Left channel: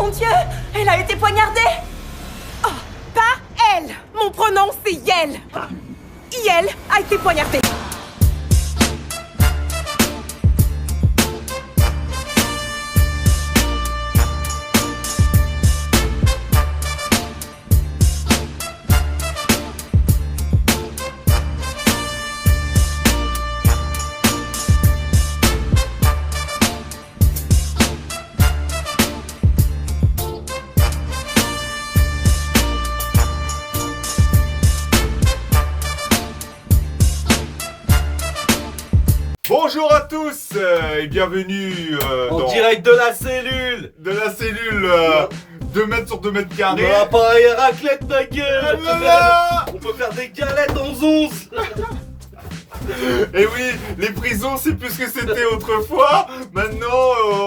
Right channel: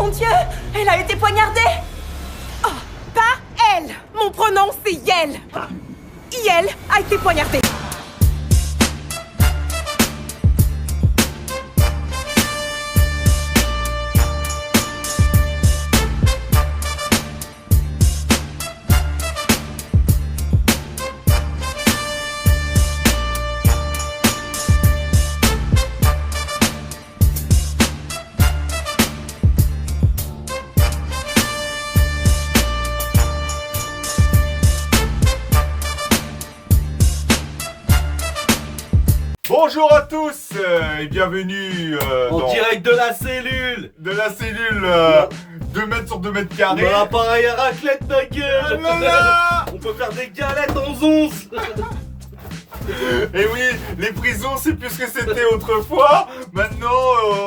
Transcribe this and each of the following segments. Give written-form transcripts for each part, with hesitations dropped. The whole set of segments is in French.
Mon Dieu, elle a été poignardée. Oh, pas elle. Mon pronom, c'est Yel. Yel a été poignardée. Bonjour à tous et bienvenue en direct de la cellule. De la cellule 2 mètres sur 2 mètres carrés. On a l'appareil à raclette, ma gueule. Voilà. On peut faire des galettes en 11. Et oui, les prisons c'est plus ce que c'était autrefois. Maintenant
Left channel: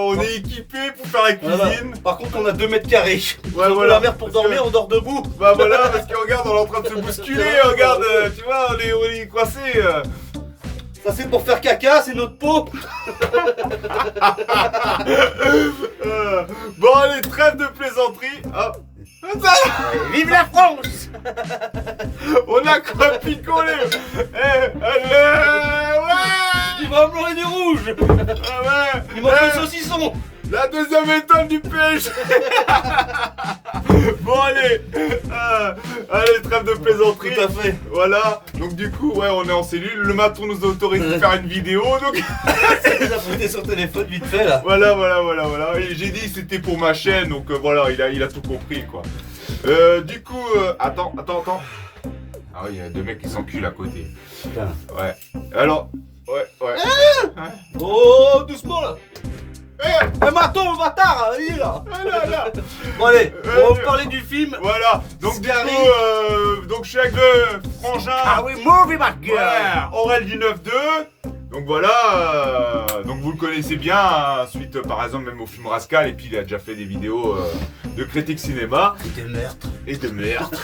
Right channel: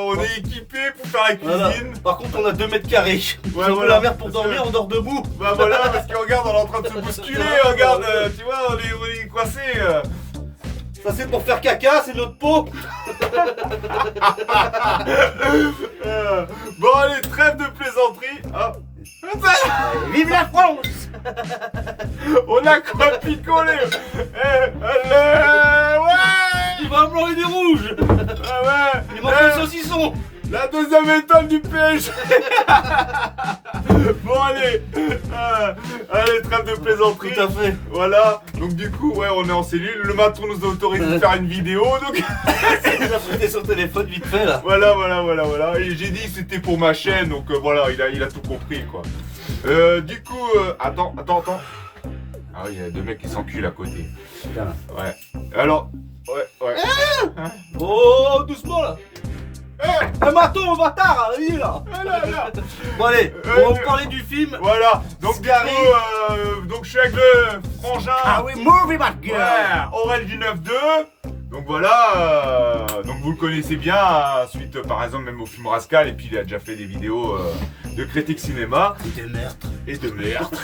on est équipé pour faire la cuisine. Voilà. Par contre on a 2 mètres carrés. Ouais, on voilà. la mer pour Parce dormir, que... on dort debout. Bah voilà, parce que regarde, on est en train de se bousculer. Regarde, tu vois, on est coincés. Ça c'est pour faire caca, c'est notre peau. Bon allez, trêve de plaisanterie. Oh. Vive la France. On a quoi picoler. Allez, ouais. Du vin blanc et du rouge. Ah ouais. Il manque le saucisson. La deuxième étoile du PSG. Bon allez, allez, trêve de plaisanterie. Tout à fait. Voilà, donc du coup, ouais, on est en cellule. Le maton nous a autorisé de faire une vidéo, donc... Il a prêté son téléphone vite fait là. Voilà. Et j'ai dit que c'était pour ma chaîne, donc voilà, il a tout compris, quoi. Du coup, attends. Ah oui, il y a 2 mecs qui s'enculent à côté. Putain. Ouais. Alors, ouais. Oh, doucement là. Un maton, le bâtard, il est là. Là. Bon allez, on va vous parler du film. Voilà, donc du Scary. coup, donc je suis avec le frangin. Ah oui, movie my girl. Ouais, Aurel du 9-2. Donc voilà, donc vous le connaissez bien, hein, suite par exemple même au film Rascal, et puis il a déjà fait des vidéos de critique cinéma. Et de meurtre.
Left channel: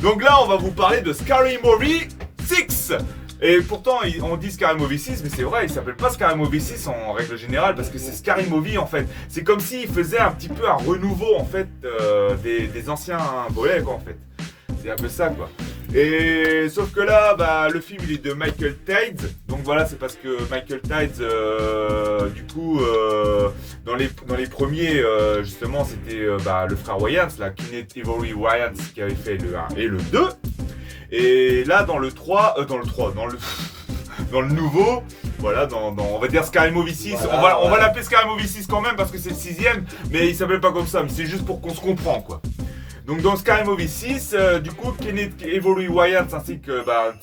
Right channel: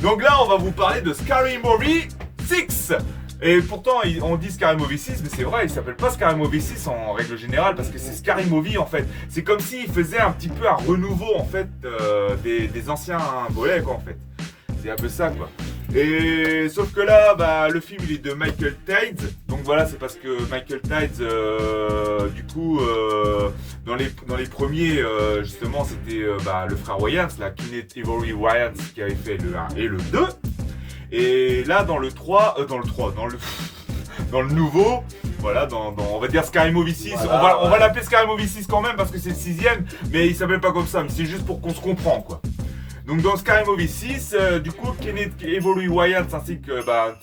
Donc là, on va vous parler de Scary Movie 6. Et pourtant, on dit Scary Movie 6, mais c'est vrai, il s'appelle pas Scary Movie 6 en règle générale, parce que c'est Scary Movie en fait. C'est comme s'il faisait un petit peu un renouveau en fait des anciens volets quoi en fait. C'est un peu ça quoi. Et sauf que là, bah, le film il est de Michael Tides. Donc voilà, c'est parce que Michael Tides, du coup, dans les premiers, justement, c'était le frère Wayans, la Kenneth Ivory Wayans, qui avait fait le 1 et le 2. Et là, dans le nouveau, voilà, on va dire Scary Movie 6, voilà, on va l'appeler Scary Movie 6 quand même parce que c'est le 6ème, mais il s'appelle pas comme ça, mais c'est juste pour qu'on se comprend quoi. Donc dans Scary Movie 6, du coup, Kenneth Ivory Wayans ainsi que la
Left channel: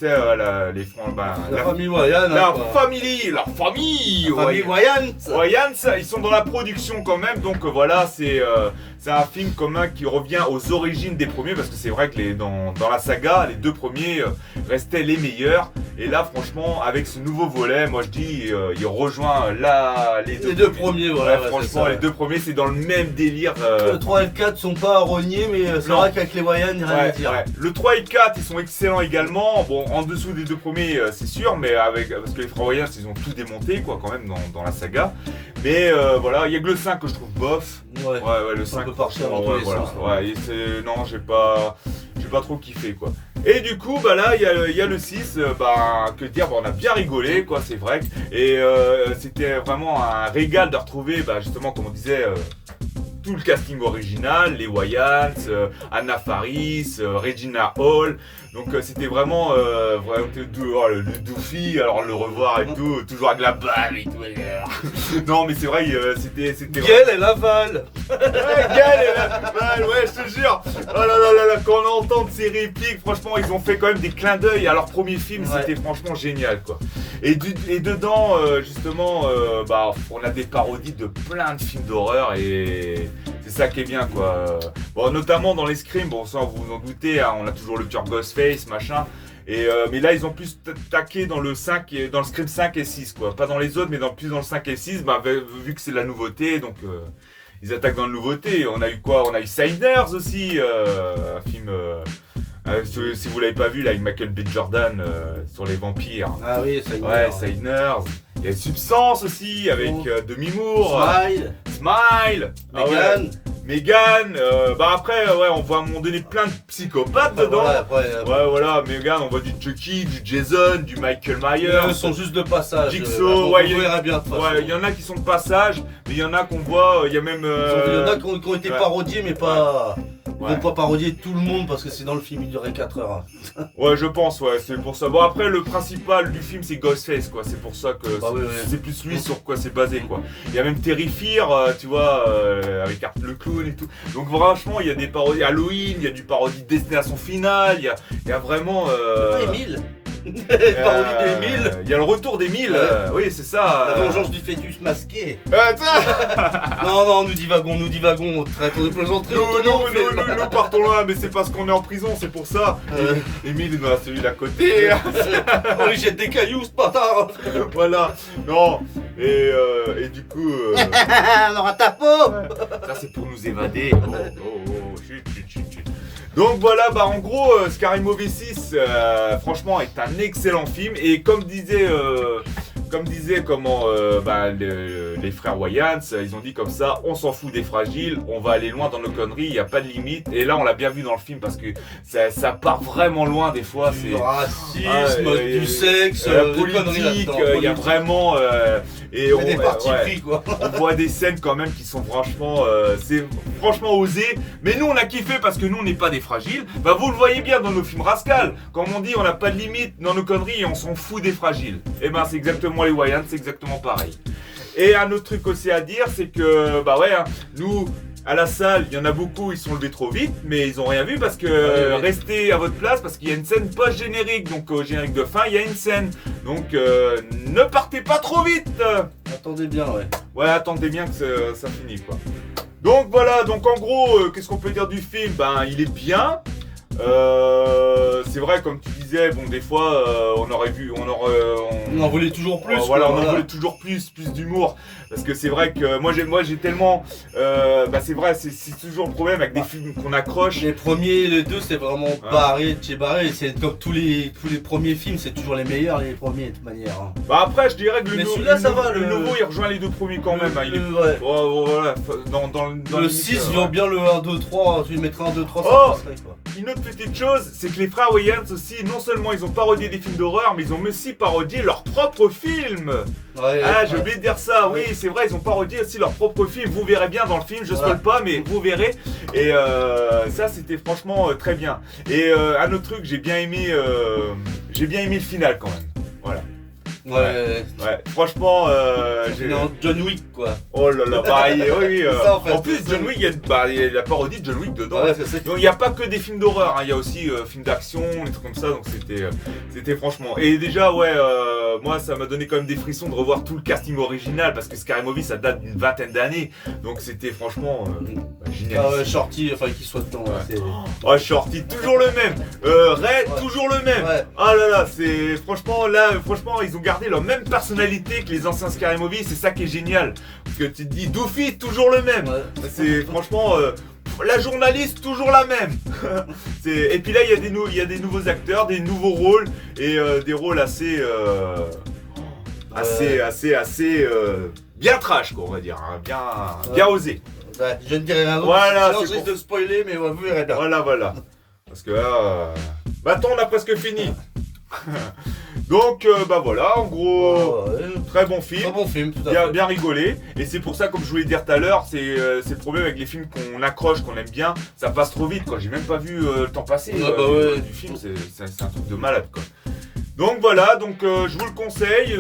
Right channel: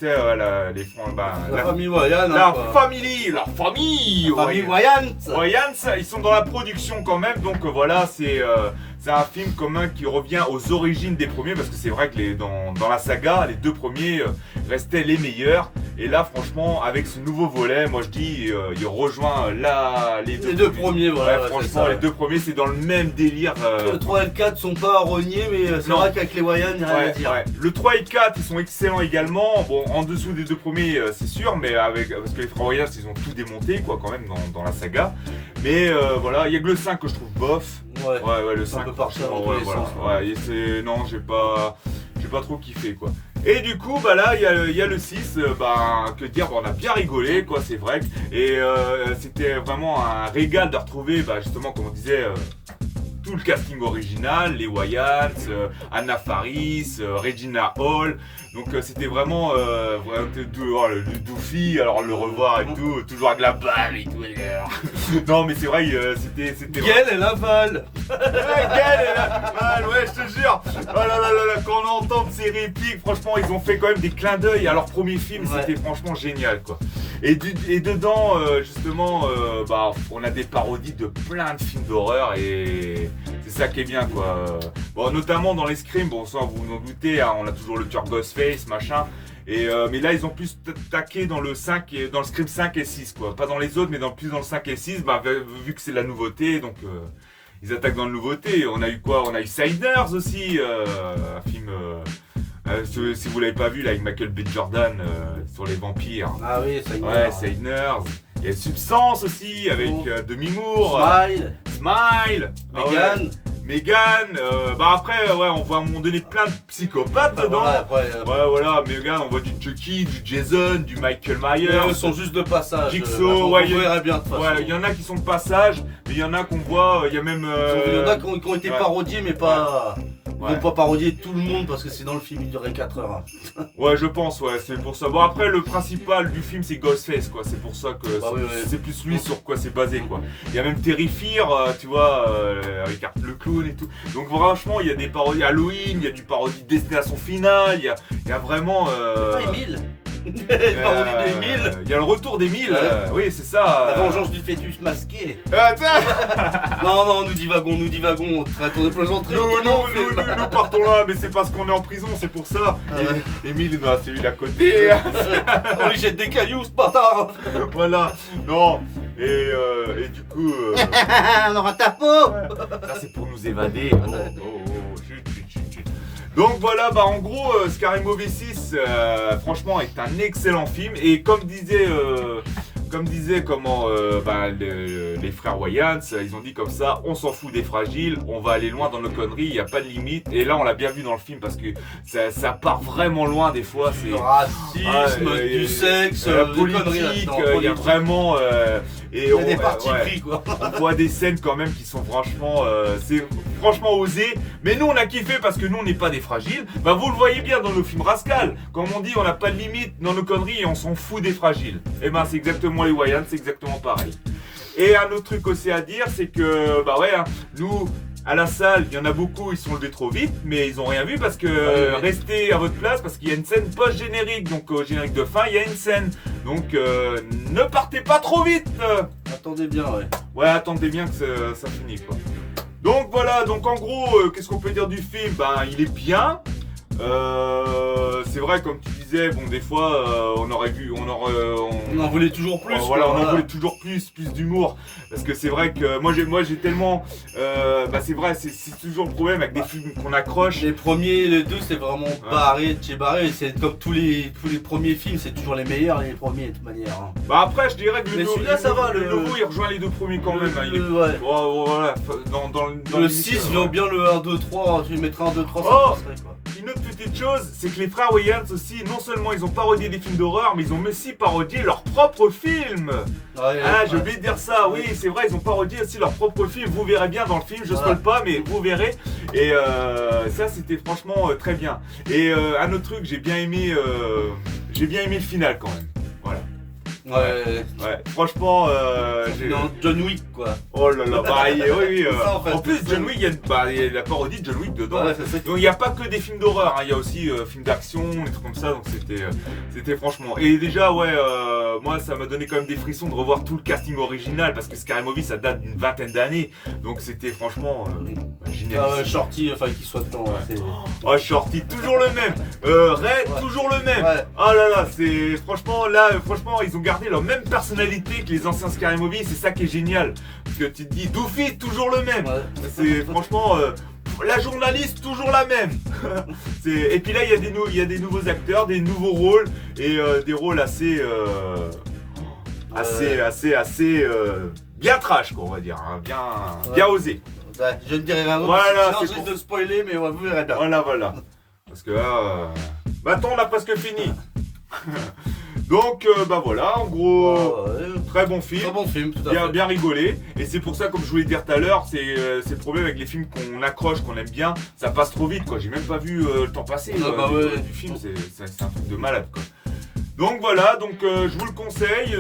famille Wayans. La famille Wayans. Ils sont dans la production quand même, donc voilà, c'est un film commun qui revient aux origines des premiers, parce que c'est vrai que dans la saga, les 2 premiers restaient les meilleurs. Et là, franchement, avec ce nouveau volet, moi je dis, il rejoint les deux premiers. Voilà. Ouais, franchement, les 2 premiers, c'est dans le même délire. Le 3 et le 4 sont pas rognés, mais c'est vrai qu'avec les Wayans, il n'y a rien à dire. Ouais. Le 3 et le 4, ils sont excellents également. Bon, en dessous des 2 premiers, c'est sûr, mais parce que les frères Wayans, ils ont tout démonté, quoi, quand même, dans la saga. Mais voilà, il y a que le 5 que je trouve bof. Ouais, le 5. Un peu partir dans tous les sens. Ouais, non, j'ai pas trop kiffé, quoi. Et du coup, bah là, il y a le 6, que dire, on a bien rigolé, quoi, c'est vrai. Et c'était vraiment un régal de retrouver, justement, comme on disait, tout le casting original, les Wayans, Anna Faris, Regina Hall. Donc c'était vraiment le Doofy, alors le revoir et tout, toujours avec la balle et tout. Non mais c'est vrai, c'était Gaël elle avale. Gaël elle avale, ouais je te jure. Oh là, quand on entend ces répliques, franchement ils ont fait quand même des clins d'œil à leur premier film, c'était franchement génial quoi. Et dedans justement, on a des parodies de plein de films d'horreur et c'est ça qui est bien quoi. Bon, notamment dans les Scream, bon ça vous vous en doutez, hein, on a toujours le tueur Ghostface, machin. Et mais là ils ont plus taqué dans le 5 et dans le Scream 5 et 6 quoi. Pas dans les autres mais plus dans le 5 et 6, vu que c'est la nouveauté, donc ils attaquent dans la nouveauté. On a eu quoi? On a eu Siders aussi, un film si vous l'avez pas vu là avec Michael B. Jordan sur les vampires. Ah oui, Siders. Ouais, Siders. Il y a Substance aussi avec Demi Moore. Smile. Megan. Megan, bah après, ouais, on voit à un moment donné plein de psychopathes dedans. Ouais, voilà, Megan, on voit du Chucky, du Jason, du Michael Myers. Ils sont juste de passage. Jigsaw, ouais, on verra bien de toute façon. Ouais, il y en a qui sont de passage, mais il y en a qu'on voit, il y a même. Il y en a qui ont été parodiés, mais pas. Ils vont pas parodier tout le monde parce que c'est dans le film, il durait 4 heures. Ouais, je pense, ouais, c'est pour ça. Bon, après, le principal du film, c'est Ghostface, quoi. C'est pour ça que c'est plus lui sur quoi c'est basé, quoi. Il y a même Terrifier, tu vois, avec le clown et tout. Donc, franchement, il y a des parodies Halloween, il y a du parodie Destination Finale, il y a vraiment. Emile parodie d'Emile. Il y a le retour d'Emile, oui, c'est ça. La vengeance du fœtus masqué. Non, nous divagons. Traitons de plaisanteries. Nous partons là, mais c'est parce qu'on est en prison, c'est pour ça. Emile, bah, c'est lui à côté. On lui jette des cailloux, ce bâtard. Voilà, non. Et du coup. On aura ta peau. Ça, c'est pour nous évader. Chut. Donc voilà, bah en gros, Scary Movie 6, franchement, est un excellent film. Et comme disait les frères Wayans, ils ont dit comme ça, on s'en fout des fragiles, on va aller loin dans nos conneries, il n'y a pas de limite. Et là, on l'a bien vu dans le film parce que ça part vraiment loin des fois. Du racisme, du sexe, la politique, il y a vraiment... il y a des partis pris, quoi. On voit des scènes quand même qui sont franchement... c'est franchement osé. Mais nous, on a kiffé parce que nous, on n'est pas des fragiles. Bah, vous le voyez bien dans nos films Rascal. Comme on dit, on n'a pas de limite dans nos conneries et on s'en fout des fragiles. Et ben, c'est exactement les Wayans, c'est exactement pareil. Et un autre truc aussi à dire, c'est que, bah ouais, nous... À la salle, il y en a beaucoup, ils sont levés trop vite, mais ils ont rien vu parce que restez à votre place parce qu'il y a une scène post-générique. Donc au générique de fin, il y a une scène. Donc ne partez pas trop vite. Attendez bien, ouais. Ouais, attendez bien que ça finisse, quoi. Donc voilà, donc en gros, qu'est-ce qu'on peut dire du film? Ben, il est bien. C'est vrai, comme tu disais, bon, des fois, on en voulait toujours plus. Voilà, on en voulait toujours plus d'humour. Parce que c'est vrai que moi j'ai tellement. C'est vrai, c'est toujours le problème avec des films qu'on accroche. Les premiers, les deux, c'est vraiment barré, c'est comme tous les premiers films, c'est toujours les meilleurs, les premiers de toute manière. Hein. Bah après, je dirais que le nouveau, il rejoint les deux premiers quand même. Voilà, dans le 6 vient bien le 1, 2, 3, tu mettras 1, 2, 3, ça passerait, quoi. Une autre petite chose, c'est que les frères Wayans aussi, non seulement ils ont parodié des films d'horreur, mais ils ont aussi parodié leurs propres films. J'ai oublié de dire ça, oui, c'est vrai, ils ont parodié aussi leurs propres films. Vous verrez bien dans le film, je spoil pas, mais vous verrez. Et ça, c'était franchement très bien. Et un autre truc, j'ai bien aimé le final quand même. Voilà. Ouais, franchement, non, John Wick, quoi. Oh là là, bah, oui. Ça, en plus, John Wick, il y a la parodie de John Wick dedans. Ouais, donc il n'y a pas que des films d'horreur, hein, il y a aussi films d'action, des trucs comme ça, donc c'était franchement. Et déjà, moi ça m'a donné quand même des frissons de revoir tout le casting original, parce que Scary Movie ça date d'une 20aine d'années, donc c'était franchement génial. Shorty, enfin qu'il soit dedans. Shorty, toujours le même. Ray, toujours le même. Ah là là, c'est franchement, ils ont gardé leur même personnalité que les anciens Scary Movie, c'est ça qui est génial. Parce que tu te dis, Doofy, toujours le même. C'est franchement, la journaliste, toujours la même. Et puis là, il y a des nouveaux acteurs, des nouveaux rôles, et des rôles assez bien trash, quoi, on va dire, hein, bien osé. Je ne dirai rien d'autre, sinon je risque de spoiler, mais vous verrez bien. Voilà. Parce que là, maintenant on a presque fini. Donc voilà, en gros, très bon film, tout à fait. Bien rigolé. Et c'est pour ça, comme je voulais dire tout à l'heure, c'est le problème avec les films qu'on accroche, qu'on aime bien, ça passe trop vite, quoi. J'ai même pas vu le temps passer du film, c'est un truc de malade, quoi. Donc voilà, je vous le conseille,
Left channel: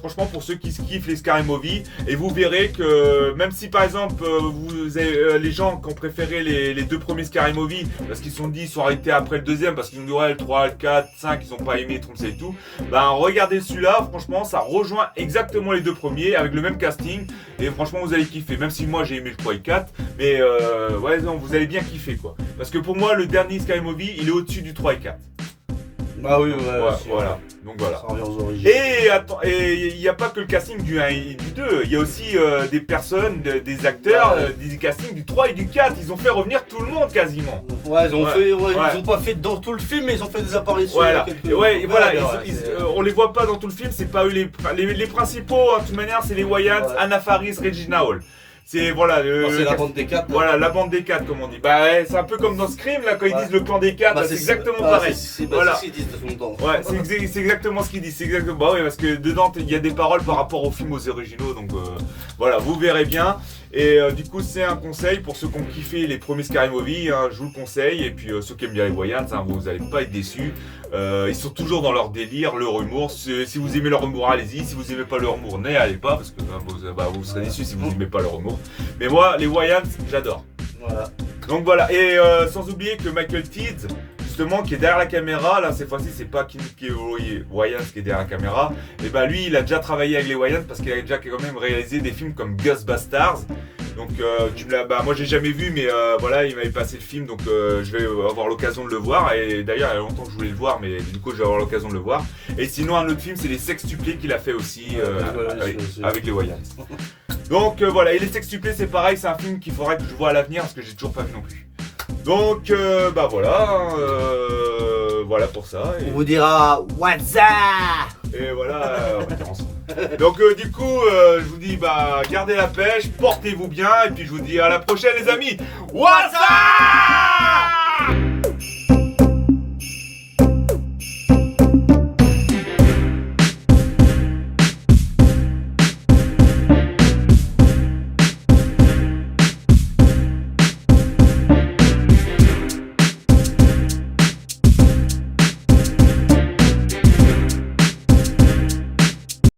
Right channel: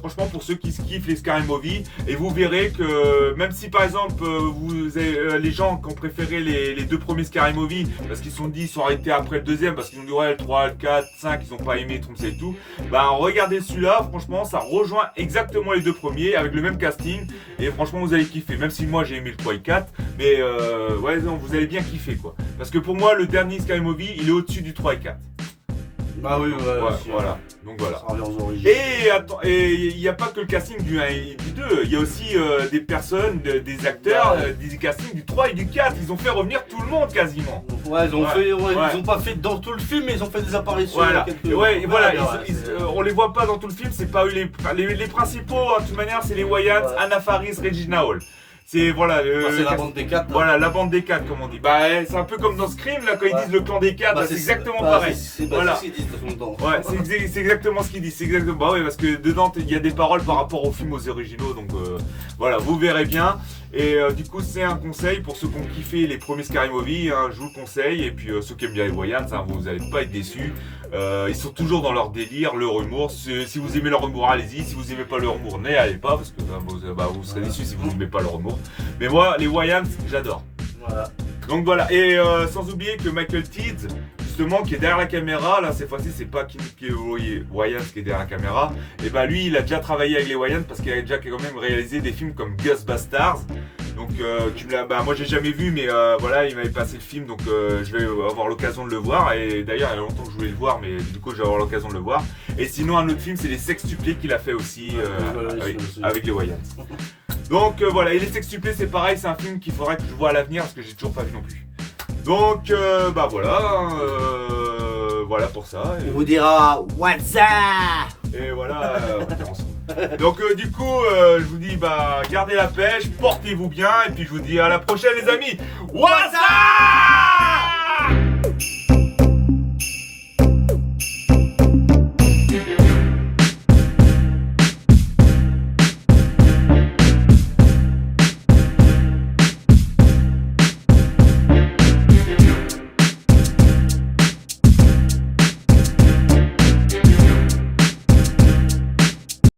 franchement pour ceux qui kiffent les Scary Movie, et vous verrez que même si par exemple vous avez les gens qui ont préféré les deux premiers Scary Movie, parce qu'ils sont arrêtés après le deuxième, parce qu'ils ont dit ouais le 3, le 4, 5, ils ont pas aimé, tout ça et tout, regardez celui-là, franchement ça rejoint exactement les deux premiers, avec le même casting, et franchement vous allez kiffer, même si moi j'ai aimé le 3 et le 4, mais vous allez bien kiffer, quoi. Parce que pour moi le dernier Scary Movie, il est au-dessus du 3 et 4. Ah oui, voilà. Donc voilà. Ça revient aux origines. Et il n'y a pas que le casting du 1 et du 2, il y a aussi des personnes, des acteurs, des castings du 3 et du 4. Ils ont fait revenir tout le monde quasiment. Ils ont pas fait dans tout le film, mais ils ont fait des apparitions. On les voit pas dans tout le film, c'est pas eux les principaux, de toute manière, c'est les Wayans, Anna Faris, Regina Hall. C'est voilà, C'est la bande des 4. Voilà, la bande des 4 comme on dit. Bah c'est un peu comme dans Scream là quand ils disent le clan des 4, c'est exactement pareil. Voilà. C'est ce qu'ils disent de son temps. Ouais, c'est exactement ce qu'ils disent. C'est exactement. Bah oui, parce que dedans il y a des paroles par rapport aux films aux originaux, donc voilà, vous verrez bien. Et du coup c'est un conseil pour ceux qui ont kiffé les premiers Scary Movie, hein, je vous le conseille. Et puis ceux qui aiment bien les Wayans, hein, vous allez pas être déçus. Ils sont toujours dans leur délire, leur humour. Si vous aimez leur humour, allez-y. Si vous aimez pas leur humour, n'y allez pas parce que vous serez déçus si vous n'aimez pas leur humour. Mais moi, les Wayans, j'adore. Voilà. Donc voilà. Et sans oublier que Michael Tidd, justement, qui est derrière la caméra, là cette fois-ci, c'est pas Wayans qui est derrière la caméra. Et ben lui, il a déjà travaillé avec les Wayans parce qu'il a déjà quand même réalisé des films comme Ghostbusters. Donc moi j'ai jamais vu, mais voilà, il m'avait passé le film, donc je vais avoir l'occasion de le voir. Et d'ailleurs il y a longtemps que je voulais le voir, mais du coup je vais avoir l'occasion de le voir. Et sinon un autre film, c'est les Sextuplés qu'il a fait aussi avec les Wayans. Donc voilà, et les Sextuplés c'est pareil, c'est un film qu'il faudrait que je vois à l'avenir parce que j'ai toujours pas vu non plus. Donc voilà pour ça. On vous dira what's up. Et voilà, on va dire ensemble. Donc du coup, je vous dis gardez la pêche, portez-vous bien et puis je vous dis à la prochaine les amis. What's up?